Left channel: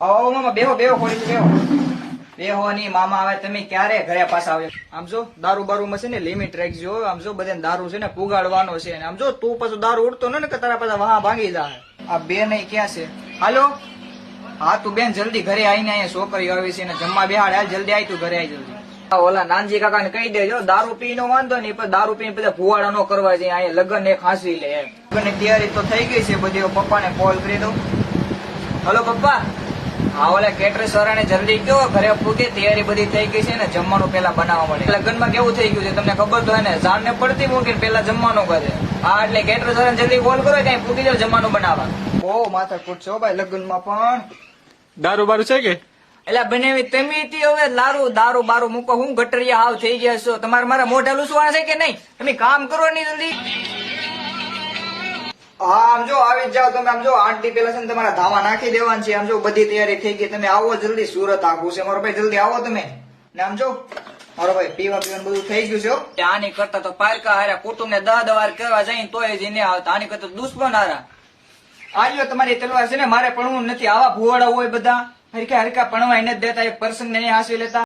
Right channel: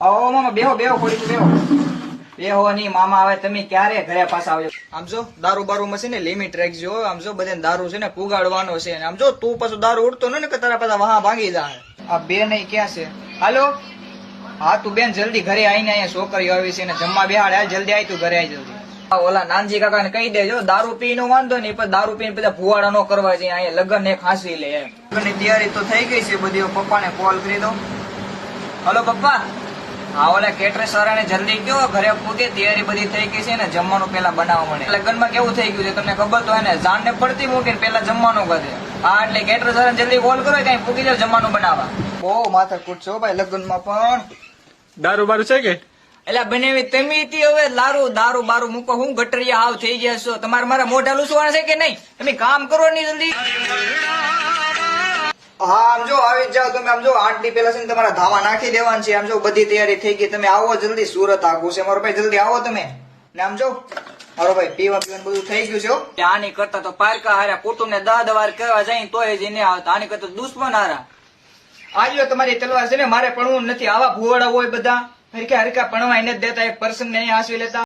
આવો મામા બેહો બેહો ખોડી બેહો બેહો ની મામા આવે તમે ક્યારે ઘરે પાછા આવ્યો આમ જો દારૂ બારૂ માં છે ને લિમિટ રાખજો આમ જો બધાને દારૂ છે ને પુગાડવાનો છે આમ જો તું પાછું દારૂ ઉડતો ને કે તારા પાછા વહા ભાંગી જાય આ બે નહીં ક્યાં છે હાલો હા તું બેન જલ્દી ઘરે આવીને અહીંયા છોકરી આવી છે ને જમવા બેહાડ હાલ જલ્દી આવી તું ઘરે આવી જલ્દી ઓલા નાનજી કાકા ને કહી દેજો દારૂ પી નો વાંધો નહીં પણ દારૂ પીને બધા ભુવાડા નો કરવા જાય અહીંયા લગ્ન ને ખાંસી લે એમ લગ્ન ની તૈયારી તો થઈ ગઈ છે બધી પપ્પા ને કોલ કરી દો હલો પપ્પા હા ઓલા કેટરેસ વાળાને જલ્દી કયો ઘરે પૂગે તૈયારી બધી થઈ ગઈ છે ને જમવાનું પેલા બનાવવા મળે લગ્નમાં કેવું થઈ ગયું છે તમને ખબર તો હે ને જાન ને પડતી મૂકે પેલા જમવાનું કરે હા એટલે કેટરેસ વાળાને જલ્દી કોલ કરો કઈ પૂગી જાવ જમવાનું બનાવવા બહુ માથાકૂટ છો ભાઈ લગ્નમાં પણ દારૂ બારૂ છે કે એટલે બનેવી તમે હવે દારૂ બારૂ મૂકો હું ગટરિયા હાવ થઈ ગયા છો તમારે મારા મોઢા લૂસવાના છે કે નહીં તમે કામ કરો નહીં જલ્દી હા આમ જો આવી જ જાઓ તમે આમ જો 8 દી પેલા છે ને તમારા ધાવા નાખી દેવાનું છે આમ જો બધી તૈયારી થઈ ગઈ તમે આવો જલ્દી સુરત આખું છે મારો ભાઈ જલ્દી આવો તમે ને આમ જો મારો ભાઈ પીવા પીવાનું બધું થઈ ગયું છે ત્યાં આની કરતા તો પારકા હાર્યા કુટુંબ ને 10 વાર કરવા જાય તોય જ નહીં આવતા આની કરતા દુશ્મન હારા આજો તમારી તલવાર છે ને મારે પણ નથી આવા ભુવાડા હોય બધા હરકા હરકા પણવા એને જ દેતા એક પર્સન ને આસવી લેતા